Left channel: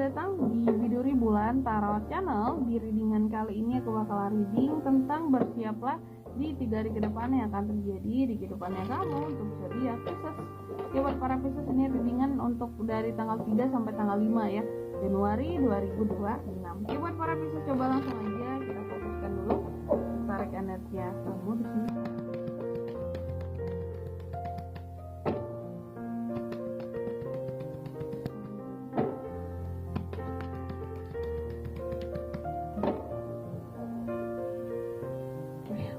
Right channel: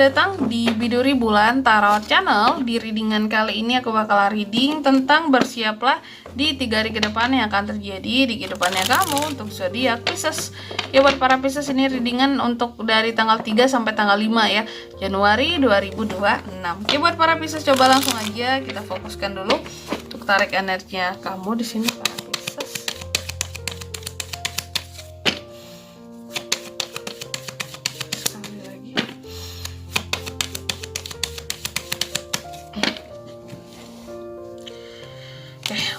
datang di Biduri Bulan Tarot Channel. Di readingan kali ini aku bakal reading tentang bersiaplah di 3 hari ke depan yang akan terjadi di kehidupannya kamu untuk zodiak Pisces. Ya, buat para Pisces ini readingan untuk dari tanggal 3 sampai tanggal 5 ya, Januari 2026. Ya, buat para Pisces coba langsung aja kita fokuskan dulu untuk tarik energinya kamu di sini para Pisces.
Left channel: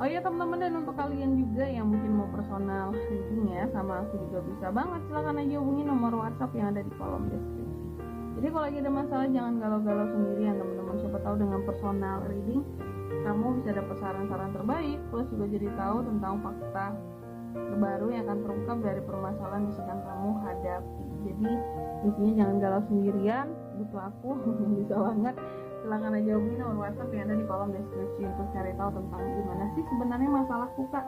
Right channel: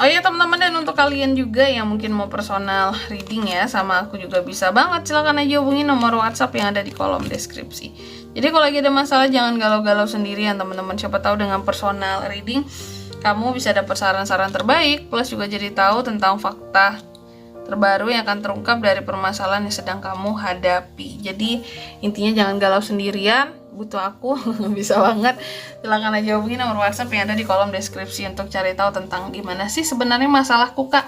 Oh iya teman-teman, dan untuk kalian juga yang mungkin mau personal reading ya sama aku juga bisa banget, silahkan aja hubungi nomor WhatsApp yang ada di kolom deskripsi. Jadi kalau lagi ada masalah jangan galau-galau sendirian teman-teman, siapa tahu dengan personal reading kamu bisa dapat saran-saran terbaik, plus juga jadi tahu tentang fakta terbaru yang akan terungkap dari permasalahan yang sedang kamu hadapi. Jadi intinya jangan galau sendirian, butuh aku bisa banget, silahkan aja hubungi nomor WhatsApp yang ada di kolom deskripsi untuk cari tahu tentang gimana sih sebenarnya masalahku kak,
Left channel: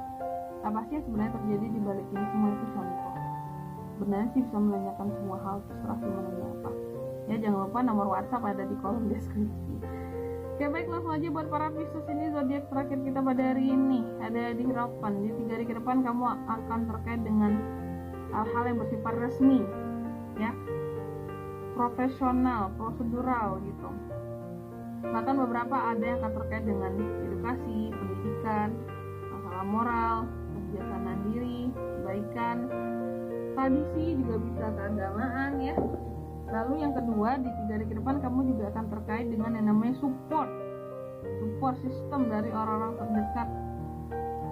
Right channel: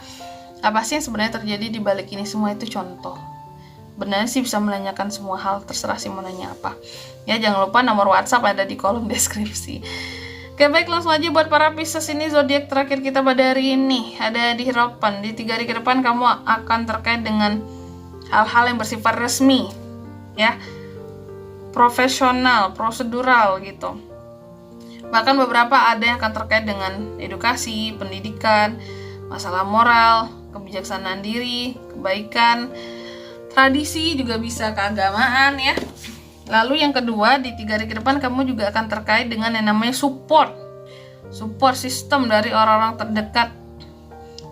apa sih yang sebenarnya terjadi di balik ini semua. Itu contoh, benar sih bisa menanyakan semua hal, terserah sih mau nanya apa ya. Jangan lupa nomor WhatsApp ada di kolom deskripsi. Oke baik, langsung aja buat para Pisces, ini zodiak terakhir kita pada hari ini ada di harapan. Di 3 hari ke depan kamu akan terkait dengan hal-hal yang bersifat resmi ya, profesional, prosedural gitu. Bahkan beberapa ada yang akan terkait dengan edukasi, pendidikan, masalah moral, kebijaksanaan diri, kebaikan, tradisi, juga bisa keagamaan ya. Lalu yang kedua, di 3 hari ke depan kamu juga akan terkait dengan yang namanya support system dari orang-orang terdekat,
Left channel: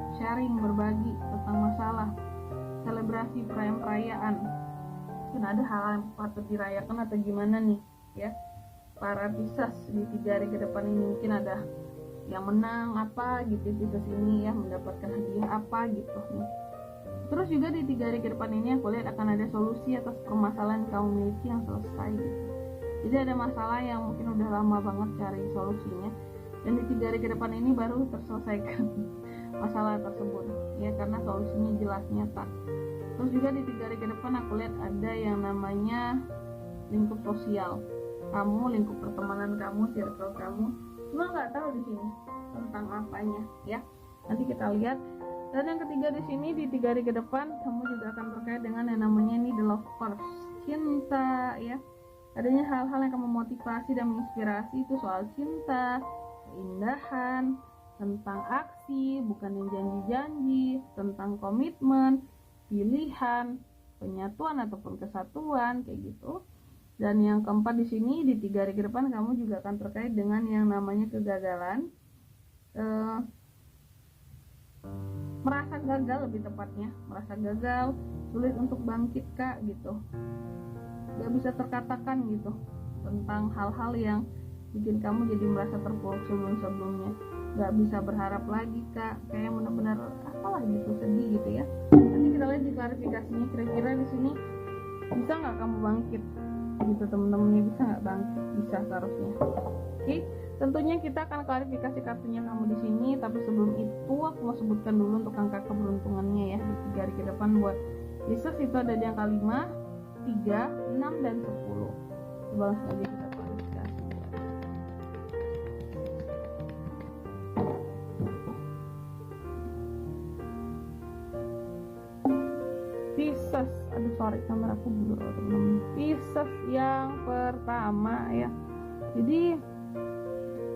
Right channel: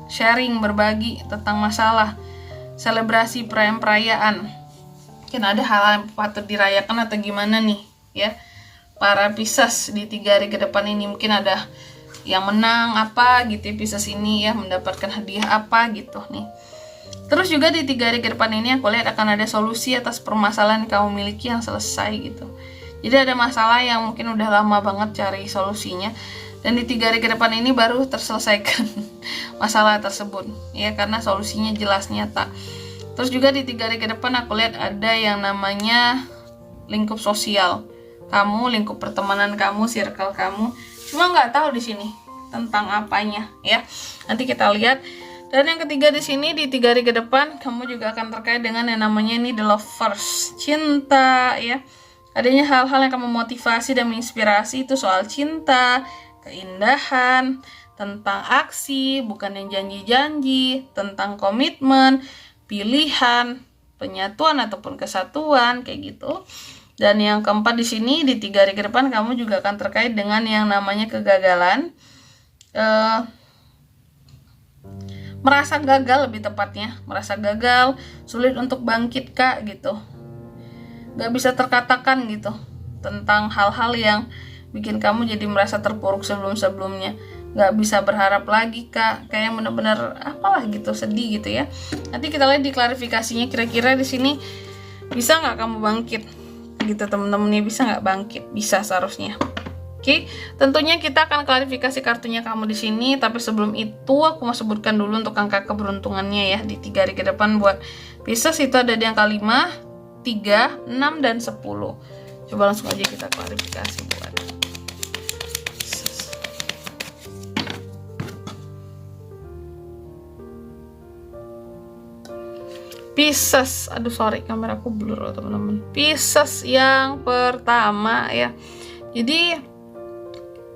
sharing, berbagi tentang masalah, selebrasi perayaan. Mungkin ada hal yang patut dirayakan atau gimana nih ya para Pisces di 3 hari ke depan ini. Mungkin ada yang menang apa gitu ya, Pisces ini ya, mendapatkan hadiah apa gitu nih. Terus juga di 3 hari ke depan ini aku lihat akan ada solusi atas permasalahan yang kamu miliki yang selesai gitu. Jadi ada masalah yang mungkin udah lama banget cari solusinya, dan di 3 hari ke depan ini baru terselesaikan masalah tersebut ya, karena solusinya jelas nyata. Terus juga di 3 hari ke depan aku lihat ada yang namanya lingkup sosial kamu, lingkup pertemanan kamu, circle kamu. Cuma nggak tahu di sini tentang apanya ya. Nanti kita lihat. Dan yang ketiga di sini di 3 hari ke depan kamu juga akan terkait dengan yang namanya ini the lovers, cinta ya. Adanya hal-hal yang kamu motivasi dan menginspirasi, itu soal cinta, keindahan, tentang aksi, bukan yang janji-janji, tentang komitmen, pilihan, penyatuan ataupun kesatuan kayak gitu. Dan yang keempat di sini di 3 hari ke depan kamu juga akan terkait dengan yang namanya kegagalan, merasa gagal, lebih tepatnya merasa gagal, sulit untuk bangkit kak gitu, gak bisa terkatakan gitu tentang hal-hal yang bikin kamu jadi merasa terpuruk sebelum-sebelumnya, gak bisa berharap lagi kak, kayak bener-bener apalah gitu, sedih gitu ya. Nanti kita lihat di klarifikasinya kira-kira di sini bisa nggak kamu bangkit gitu temen-temennya, bisa nggak bangkit? Bisa seharusnya. Oke, tentunya kita akan klarifikasi kartunya kamu di sini, tapi sebelum itu aku mau sebutkan dulu untuk angka keberuntungannya ya di 3 hari ke depan buat Pisces. Itu ada di angka 5, 3, 6 dan 10. Coba langsung aja kita klarifikasi buat Pisces. Aduh sorry, kameraku blur loh teman-teman. Pisces yang pertama ya. Jadi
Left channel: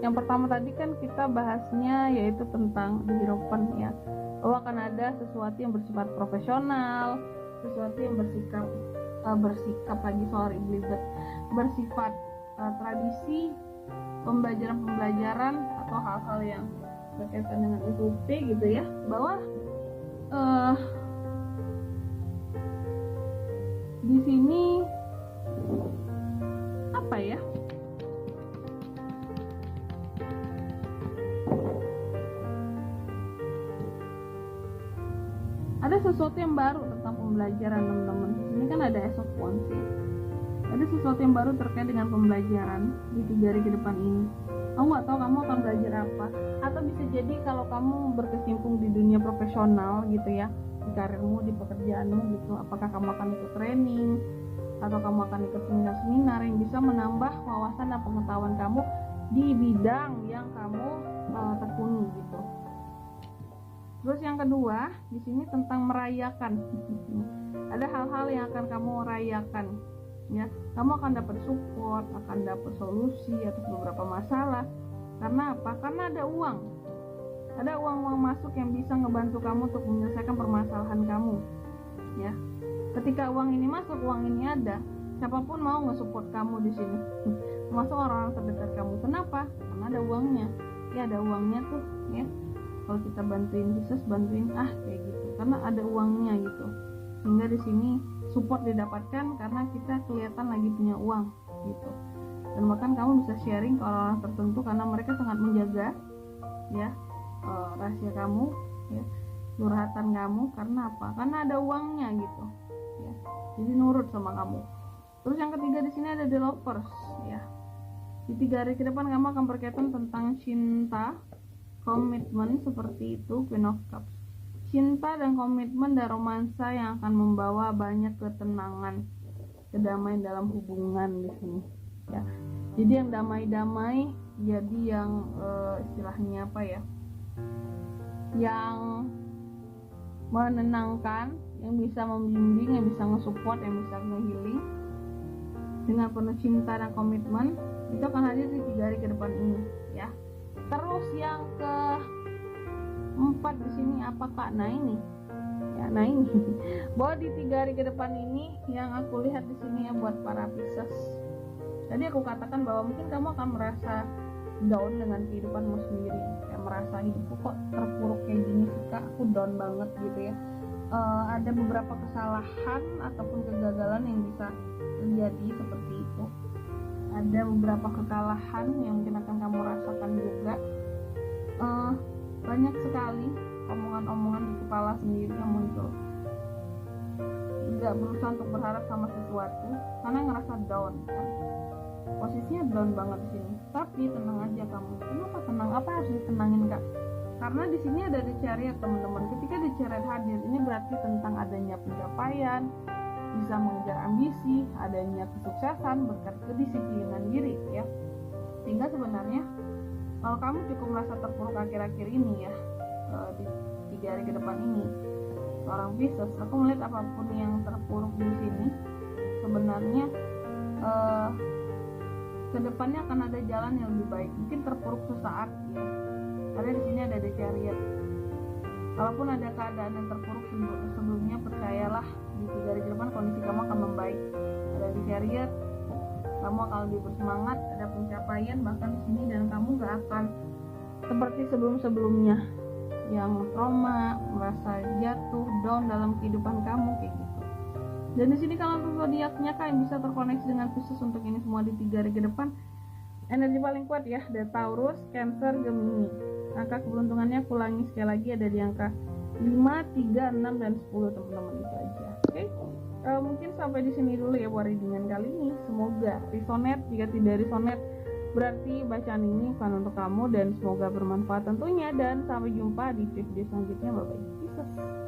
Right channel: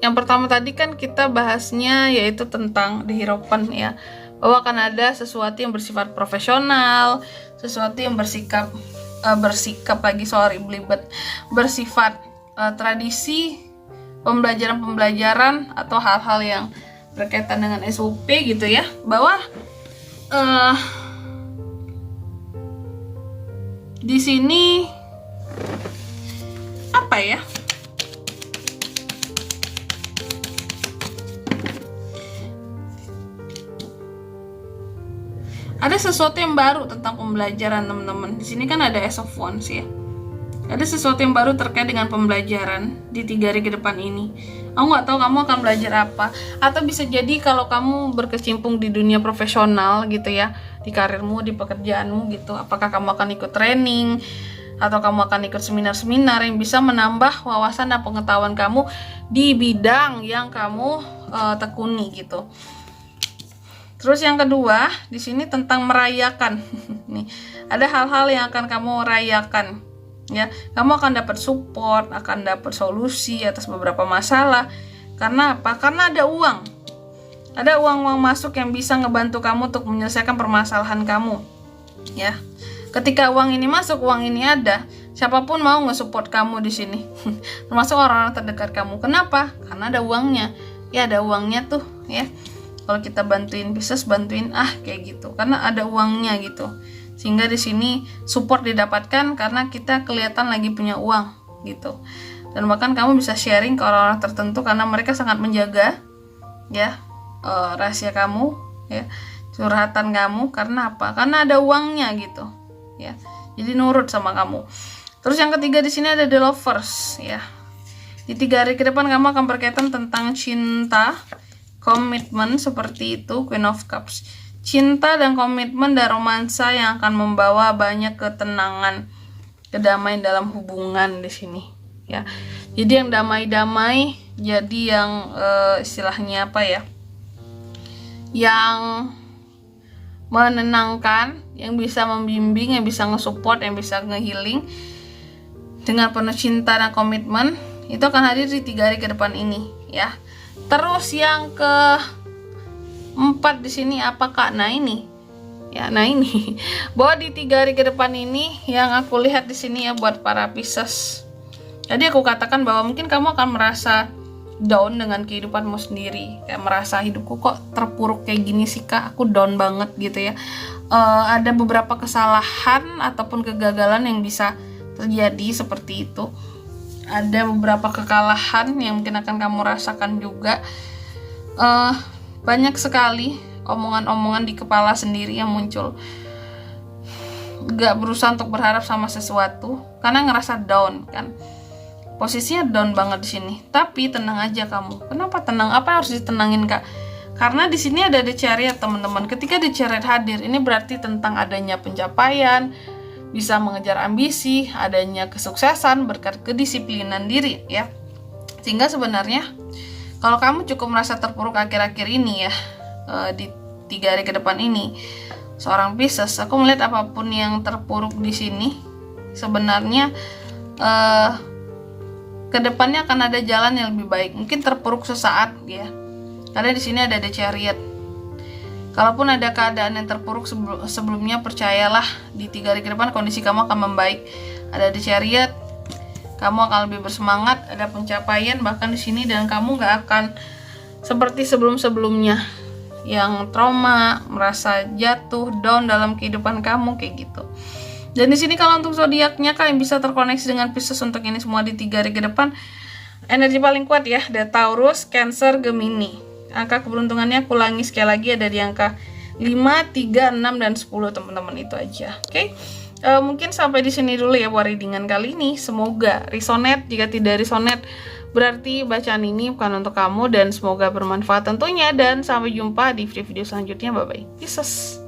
yang pertama tadi kan kita bahasnya yaitu tentang di harapan ya, bahwa akan ada sesuatu yang bersifat profesional, sesuatu yang bersifat tradisi, pembelajaran atau hal-hal yang berkaitan dengan SOP gitu ya, bahwa di sini apa ya, ada sesuatu yang baru tentang pembelajaran teman-teman. Di sini kan ada Ace of Wands ya. Ada sesuatu yang baru terkait dengan pembelajaran di 3 hari ke depan ini. Aku nggak tahu kamu akan belajar apa, atau bisa jadi kalau kamu berkecimpung di dunia profesional gitu ya, di karirmu, di pekerjaanmu gitu, apakah kamu akan ikut training atau kamu akan ikut seminar-seminar yang bisa menambah wawasan dan pengetahuan kamu di bidang yang kamu tekuni gitu. Terus yang kedua, di sini tentang merayakan. Nih, ada hal-hal yang akan kamu rayakan. Ya, kamu akan dapat support, akan dapat solusi atas beberapa masalah. Karena apa? Karena ada uang. Ada uang-uang masuk yang bisa ngebantu kamu untuk menyelesaikan permasalahan kamu. Ya. Ketika uang ini masuk, uang ini ada, siapapun mau nge-support kamu di sini. Termasuk orang-orang terdekat kamu. Kenapa? Karena ada uangnya. Ya, ada uangnya tuh, ya. Kalau kita bantuin Pisces, bantuin kayak gitu, karena ada uangnya gitu. Sehingga di sini support didapatkan karena kita kelihatan lagi punya uang gitu. Dan bahkan kamu bisa sharing ke orang-orang tertentu karena mereka sangat menjaga ya rahasia kamu, ya, curhatan kamu. Karena apa? Karena ada uangnya gitu, ya. Jadi nurut sama kamu. Terus yang ketiga di sini ada The Lovers, ya. Di 3 hari ke depan kamu akan berkaitan tentang cinta, komitmen seperti itu, Queen of Cups. Cinta dan komitmen dan romansa yang akan membawa banyak ketenangan, kedamaian dalam hubungan di sini, ya. Jadi yang damai-damai, jadi yang istilahnya apa ya? Yang menenangkan, yang bisa membimbing, yang bisa nge-support, yang bisa nge-healing dengan penuh cinta dan komitmen, itu akan hadir di 3 hari ke depan ini, ya. Terus yang keempat di sini apa Kak? Nah ini, ya, bahwa di 3 hari ke depan ini yang aku lihat di sini ya buat para Pisces. Jadi aku katakan bahwa mungkin kamu akan merasa down dengan kehidupanmu sendiri, kayak merasa hidupku kok terpuruk kayak gini sih Kak, aku down banget gitu ya. Ada beberapa kesalahan ataupun kegagalan yang bisa terjadi seperti itu. Ada beberapa kekalahan yang mungkin akan kamu rasakan juga. Banyak sekali omongan-omongan di kepala sendiri yang muncul. Gak berusaha untuk berharap sama sesuatu karena ngerasa down kan. Posisinya down banget di sini. Tapi tenang aja kamu. Kenapa tenang? Apa yang harus ditenangin Kak? Karena di sini ada The Chariot teman-teman. Ketika The Chariot hadir, ini berarti tentang adanya pencapaian, bisa mengejar ambisi, adanya kesuksesan berkat kedisiplinan diri ya. Sehingga sebenarnya kalau kamu cukup merasa terpuruk akhir-akhir ini ya, di 3 hari ke depan ini, seorang Pisces, aku melihat apapun yang terpuruk di sini sebenarnya kedepannya akan ada jalan yang lebih baik. Mungkin terpuruk sesaat ya, karena di sini ada The Chariot. Kalaupun ada keadaan yang terpuruk sebelumnya, percayalah di 3 hari ke depan kondisi kamu akan membaik. Ada The Chariot, kamu akan lebih bersemangat, ada pencapaian bahkan di sini, dan kamu gak akan seperti sebelum-sebelumnya yang trauma, merasa jatuh, down dalam kehidupan kamu kayak gitu. Dan di sini kalau untuk zodiaknya Kak yang bisa terkoneksi dengan Pisces untuk ini semua di 3 hari ke depan, energi paling kuat ya, ada Taurus, Cancer, Gemini. Angka keberuntungannya aku ulangi sekali lagi, ada di angka 5, 3, 6, dan 10 teman-teman, itu aja. Oke. Mungkin sampai di sini dulu ya buat readingan kali ini. Semoga resonate. Jika tidak resonate, berarti bacaan ini bukan untuk kamu, dan semoga bermanfaat tentunya. Dan sampai jumpa di video-video selanjutnya. Bye bye. Pisces.